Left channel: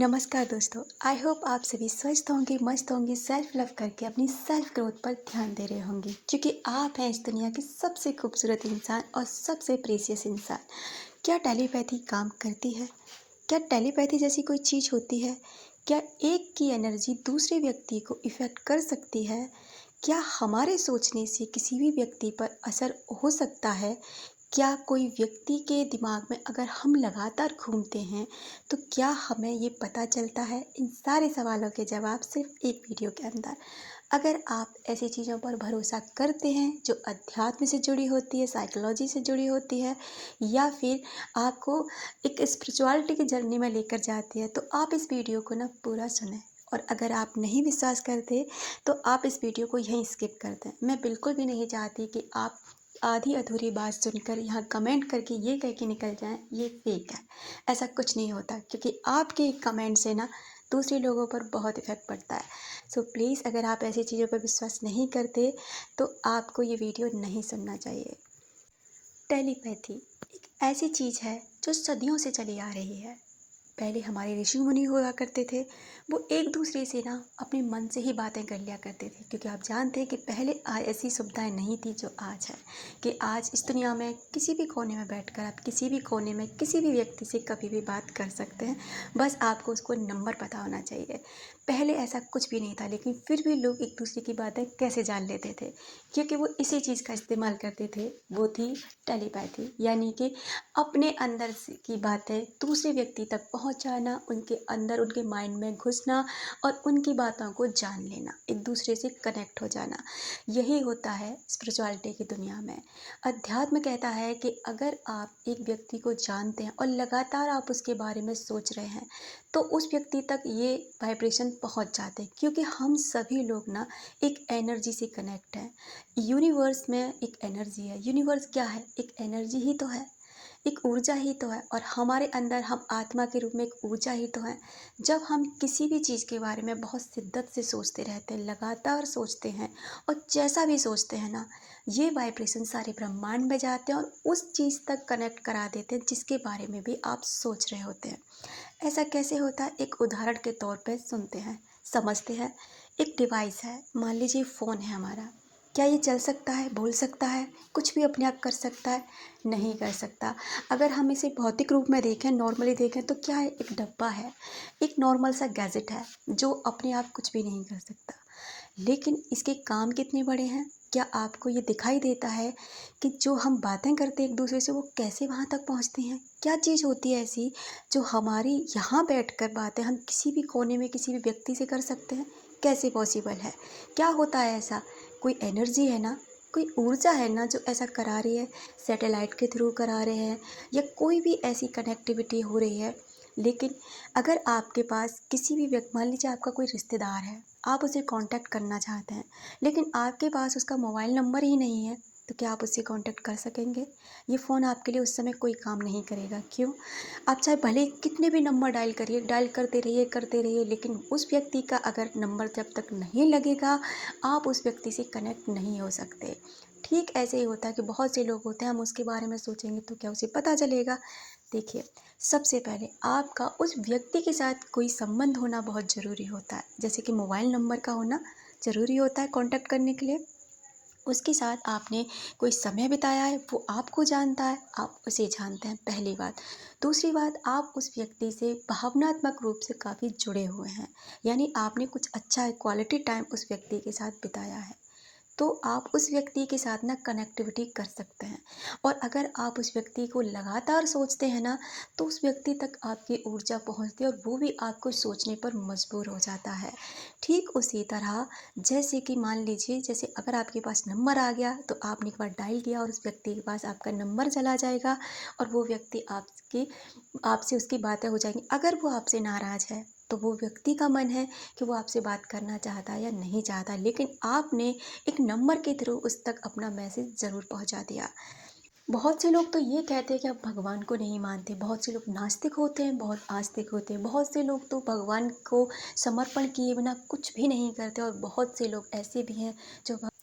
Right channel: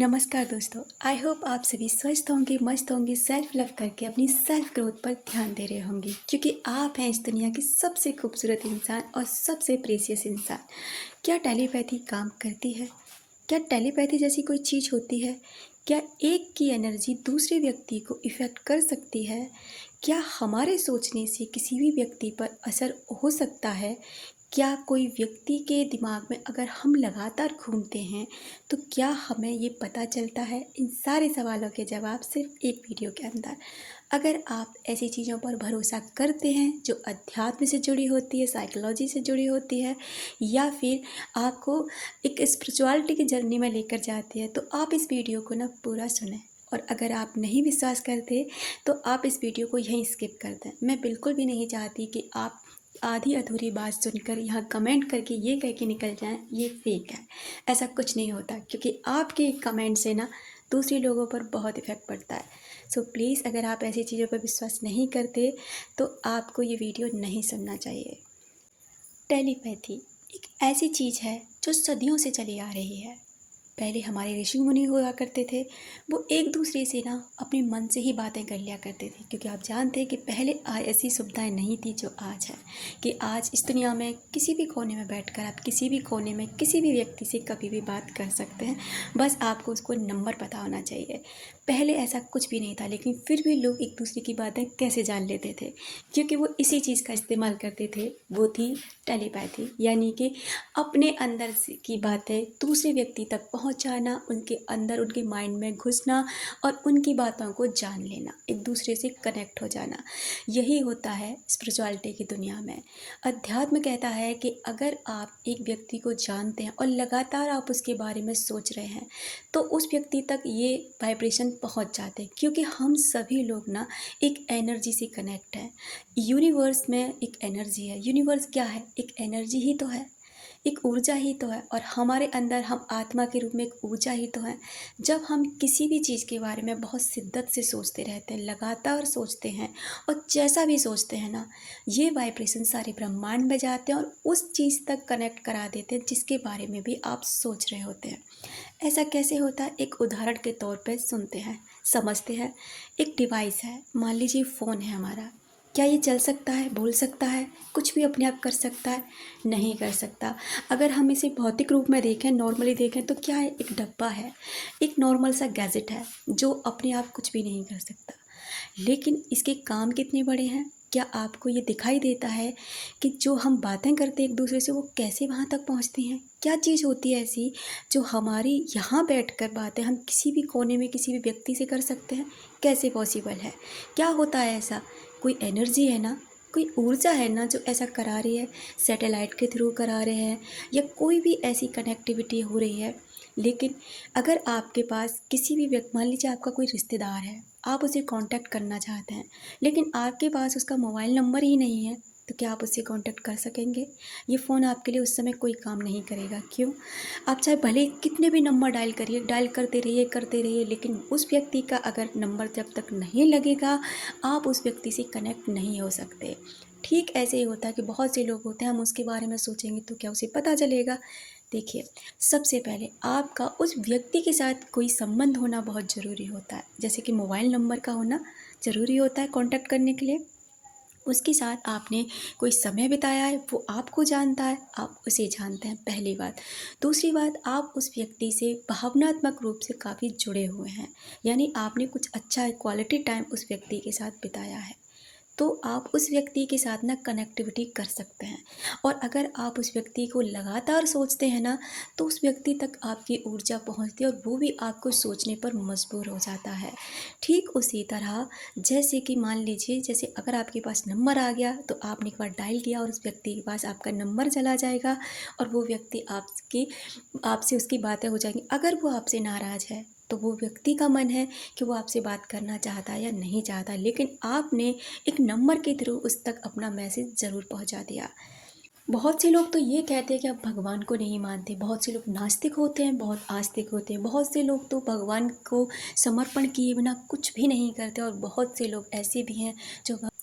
नमस्कार दोस्तों, I hope आप सभी स्वस्थ होंगे, मस्त होंगे, सेल्फ लव करके अपनी सेल्फ ग्रोथ पर ध्यान दे रहे होंगे क्योंकि आप हैं इस दुनिया के सबसे खूबसूरत इंसान और सबसे प्रीशियस इंसान। क्या टेलीपैथी काम करती है? क्या टेलीपैथी जैसी कोई चीज़ होती है? क्या एक की एनर्जी दूसरे व्यक्ति को इफ़ेक्ट कर सकती है? क्या हमारे सोचने से किसी भी व्यक्ति पर असर हो सकता है? क्या कोई व्यक्ति के दिमाग में अगर हम लगातार घूमते हैं तो क्या हमें ये पता चलता है? इन सारे सवालों के जवाब सिर्फ एक वीडियो के अंदर। अगर आप ऐसी चीज़ों पर भरोसा करते हैं जो अध्यात्म से जुड़ी होती है, साइकोलॉजी से जुड़ी होती है, या फिर आपको एक स्पिरिचुअलिटी की जर्नी में लेकर जाती है, तो आप इस वीडियो को ना पूरा सुनें। और अगर आप नहीं विश्वास करते तो आप इस वीडियो को यहीं स्किप कर दें। मैं बिल्कुल भी नहीं चाहती कि आप आधी अधूरी बात सुनकर यहाँ कमेंट करके ये कह के निकल जाएं ये फेक है। ऐसा कुछ नहीं होता क्योंकि आपके कमेंट से ना दूसरे लोगों पर बहुत इफ़ेक्ट पड़ता है। सो प्लीज़, अगर आप ऐसी चीज़ों पर विश्वास नहीं करते तो आपको ये वीडियो नहीं सुनना चाहिए। टेलीपैथी एक ऐसी चीज़ है जो सदियों से चली आ रही है। पहले हमारे ऋषि मुनि हुआ करते थे, वो एक दूसरे से ना अपने मन से ही बातें कर लिया करते थे क्योंकि आप जानते हैं कि पहले ऐसी सुविधाएं नहीं थी जो आज है, कि आज इस दुनिया में किसी भी कोने में बैठकर आप किसी भी कोने में किसी भी व्यक्ति से कभी भी बात कर सकते हैं। बस आपको उसको नंबर पता होना चाहिए। पहले ऐसा कुछ भी नहीं था, लेकिन फिर भी लोग एक दूसरे की बातें कैसे जान लेते थे? क्योंकि वो इसी चीज़ का इस्तेमाल करते थे, वो थी टेलीपैथी, यानी कि अपने अंदर से की बातें दूसरे व्यक्ति तक पहुंचाना, उनके अंदर उनके माइंड में घुसना और उनकी बातों को जान लेना, एक दूसरे से कनेक्ट हो जाना। यही होता है स्पिरिचुअलिटी की दुनिया में। अध्यात्म कहता है कि अगर आप एक व्यक्ति को जानते हैं और लगातार आप उसके बारे में सोच रहे हैं तो उस व्यक्ति तक ये वाइब्रेशन पहुंच जाते हैं, क्योंकि हम सभी लोग ना एक एनर्जी से कनेक्ट हैं। यूनिवर्स में एक एनर्जी है। यूनिवर्स क्या है? एक एनर्जी ही तो है, एक ऊर्जा ही तो है, और हमारे अंदर हम आत्मा के रूप में एक ऊर्जा ही तो है। जब हम किसी भी चीज़ के बारे में बहुत शिद्दत से सोचते रहते हैं, लगातार सोचते हैं, और जैसा भी सोचते हैं ना, ये वाइब्रेशन सारे ब्रह्मांड में जाते हैं और उस चीज़ तक कनेक्ट करा देते हैं जिसके बारे में भी आप सोच रहे होते हैं। ऐसा कैसे होता है? एक उदाहरण के तौर पे सुनते हैं, समझते हैं। एक डिवाइस है, मान लीजिए फ़ोन है हमारा। क्या ये चल सकता है, बोल सकता है, कुछ भी अपने आप कर सकता है? नहीं कर सकता। अगर हम इसे भौतिक रूप में देखें, नॉर्मली देखें, तो क्या है? एक डब्बा है, एक नॉर्मल सा गैजेट है जो अपने आप कुछ भी नहीं कर सकता। लेकिन इसके काम कितने बड़े हैं? क्या आपको ये दिखाई देता है कि जो हम बातें करते हैं एक दूसरे से, वो कैसे वहाँ तक पहुँचती हैं? क्या चीज़ होती है ऐसी जो हमारी यहाँ बैठकर बातें हम किसी भी कोने में किसी भी व्यक्ति से कर सकते हैं? कैसे पॉसिबल है? क्या होता है ऐसा? कोई एनर्जी है ना, कोई ऊर्जा है ना जो ऐसा करा रही है। सैटेलाइट के थ्रू करा रहे हैं या कोई भी ऐसी कनेक्टिविटी हो रही है। लेकिन अगर आपके पास किसी भी व्यक्ति, मान लीजिए आपका कोई रिश्तेदार है, आप उसे कांटेक्ट करना चाहते हैं, लेकिन आपके पास उसका मोबाइल नंबर ही नहीं है, तो क्या आप उससे कांटेक्ट कर सकेंगे? ये फ़ोन आपके लिए उस समय कोई काम नहीं करेगा। क्यों? आप चाहे भले ही कितने भी नंबर डायल करिए, डायल करते रहिए, लेकिन उस व्यक्ति का अगर नंबर जब तक नहीं लगेगा, आप उस व्यक्ति से कनेक्ट नहीं हो सकते। ठीक ऐसे ही होता है कि बहुत से लोग होते हैं, हम उसके बारे में सोचेंगे तो क्या उसे पता चलेगा? देखिए, सबसे पहले आपका उस व्यक्ति के साथ कोई संबंध होना बहुत ज़रूरी होता है, जैसे कि मोबाइल नंबर का होना ज़रूरी होता है कांटेक्ट करने के लिए। उसके साथ आपने कोई समय बिताया है, वो आपको जानता है, आप उसे जानते हैं, पहली बात। दूसरी बात, आप उस व्यक्ति से भावनात्मक रूप से काफ़ी जुड़े हुए हैं, यानी आपने कुछ अच्छा क्वालिटी टाइम उस व्यक्ति के साथ बिताया है, तो आप उस व्यक्ति के साथ ना कनेक्टिविटी कर सकते हैं। और अगर आप उस व्यक्ति को लगातार सोचते हैं ना, तो उस व्यक्ति तक आपकी ऊर्जा पहुंचती है और वो भी आपको सोचने पर मजबूर हो जाता है। ठीक उसी तरह, जैसे कि मान लीजिए, जैसे अगर आपके पास नंबर आ गया तो आपने एक बार डायल किया और उस व्यक्ति के पास आपका नंबर चला जाएगा और वो व्यक्ति आपसे उसकी बातें हो जाएंगी। अगर वो आपसे नाराज़ है तो वो व्यक्ति का मन है कि वो आपसे बात करना चाहता है या नहीं चाहता, लेकिन आपने एक नंबर के थ्रू उस तक अपना मैसेज ज़रूर पहुंचा दिया। बहुत से लोग तो ये कहते हैं कि आप भगवान को नहीं मानते, बहुत से लोग नास्तिक होते हैं, बहुत आस्तिक होते हैं, बहुत से लोग तो भगवान को समर्पण किए बिना कुछ भी नहीं करते, और बहुत से लोग ऐसे भी हैं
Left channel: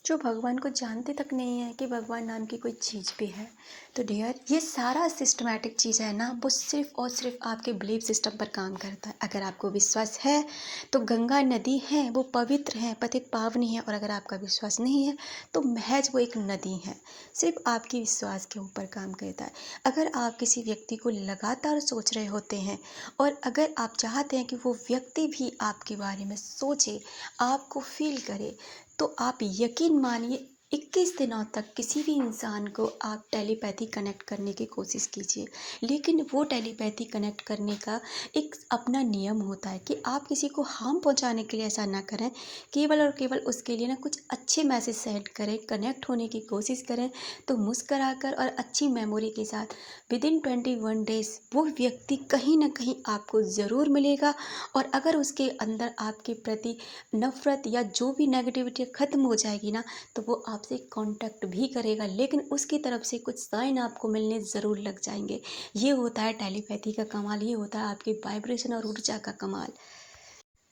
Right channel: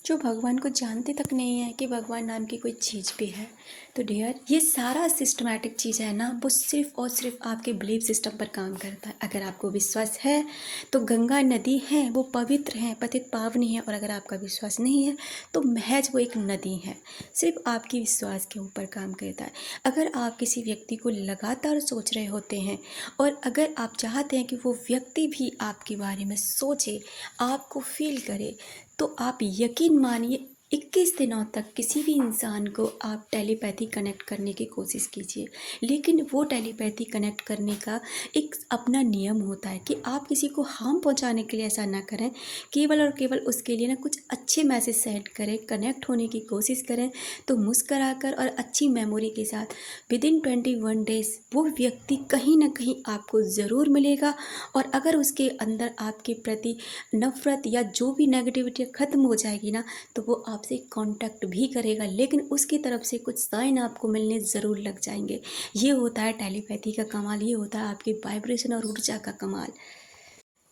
जो भगवान को जानते तक नहीं है कि भगवान नाम की कोई चीज़ भी है। तो डियर, ये सारा सिस्टमैटिक चीज़ है ना, वो सिर्फ और सिर्फ आपके बिलीफ सिस्टम पर काम करता है। अगर आपको विश्वास है तो गंगा नदी है, वो पवित्र है, पतित पावनी है। और अगर आपका विश्वास नहीं है तो महज वो एक नदी है, सिर्फ आपकी विश्वास के ऊपर काम करता है। अगर आप किसी व्यक्ति को लगातार सोच रहे होते हैं और अगर आप चाहते हैं कि वो व्यक्ति भी आपके बारे में सोचे, आपको फील करे, तो आप यकीन मानिए 21 दिनों तक किसी भी इंसान को आप टेलीपैथी कनेक्ट करने की कोशिश कीजिए। लेकिन वो टेलीपैथी कनेक्ट करने का एक अपना नियम होता है कि आप किसी को हार्म पहुंचाने के लिए ऐसा ना करें, केवल और केवल उसके लिए ना कुछ अच्छे मैसेज सेंड करें, कनेक्ट होने की कोशिश करें। तो मुस्कराकर और अच्छी मेमोरी के साथ विदिन 21 डेज वो व्यक्ति कहीं ना कहीं आपको ज़रूर मिलेगा। और अगर उसके अंदर आपके प्रति नफ़रत या जो भी नेगेटिविटी ख़त्म हो जाएगी ना, तो वो आपसे कांटेक्ट भी करेगा, लेकिन उसकी तरफ से कुछ साइन आपको मिलने ज़रूर लग जाएंगे। ये होता है टेलीपैथी का कमाल, ये होता है आपकी वाइब्रेशन और ऊर्जा का कमाल।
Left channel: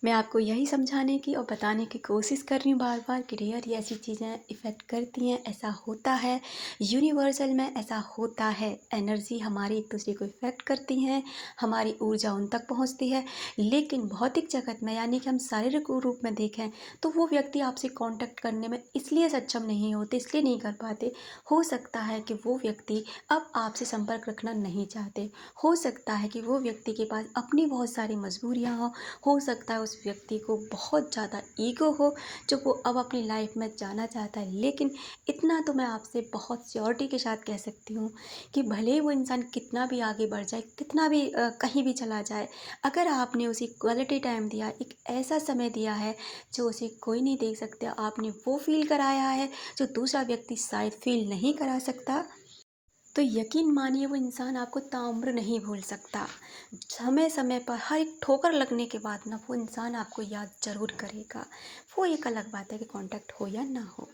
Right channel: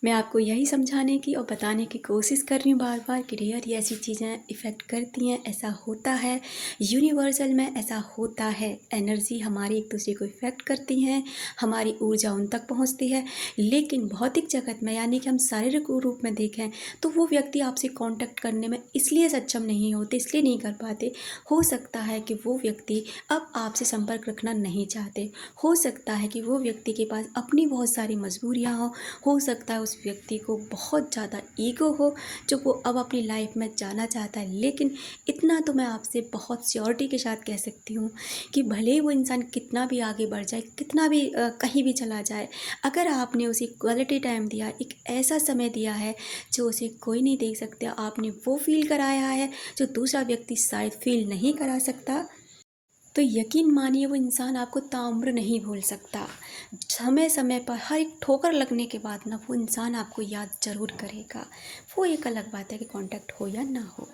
मैं आपको यही समझाने की और बताने की कोशिश कर रही हूँ बार बार कि डियर, ये ऐसी चीज़ें इफ़ेक्ट करती हैं, ऐसा होता है, यूनिवर्सल में ऐसा होता है। एनर्जी हमारी एक दूसरे को इफ़ेक्ट करती हैं, हमारी ऊर्जा उन तक पहुँचती है। लेकिन भौतिक जगत में यानी कि हम शारीरिक रूप में देखें तो वो व्यक्ति आपसे कांटेक्ट करने में इसलिए सक्षम नहीं होते, इसलिए नहीं कर पाते। हो सकता है कि वो व्यक्ति अब आपसे संपर्क रखना नहीं चाहते, हो सकता है कि वो व्यक्ति के पास अपनी बहुत सारी मजबूरियाँ हो सकता है उस व्यक्ति को बहुत ज़्यादा ईगो हो जो वो अब अपनी लाइफ में जाना चाहता है। लेकिन इतना तो मैं आपसे बहुत श्योरिटी के साथ कह सकती हूँ कि भले ही वो इंसान कितना भी आगे बढ़ जाए, कितना भी कहीं भी चला जाए, अगर आपने उसे क्वालिटी टाइम दिया, एक ऐसा समय दिया है जो उसे कोई नहीं दे सकता, आपने वो फील कराया है जो दूसरा व्यक्ति शायद फील नहीं करा सकता, तो यकीन मानिए वो इंसान आपको ताउम्र नहीं भूल सकता। समय समय पर हर एक ठोकर लगने के बाद ना वो इंसान आपको याद ज़रूर करेगा। वो एक अलग बात है कि कांटेक्ट हो या ना हो।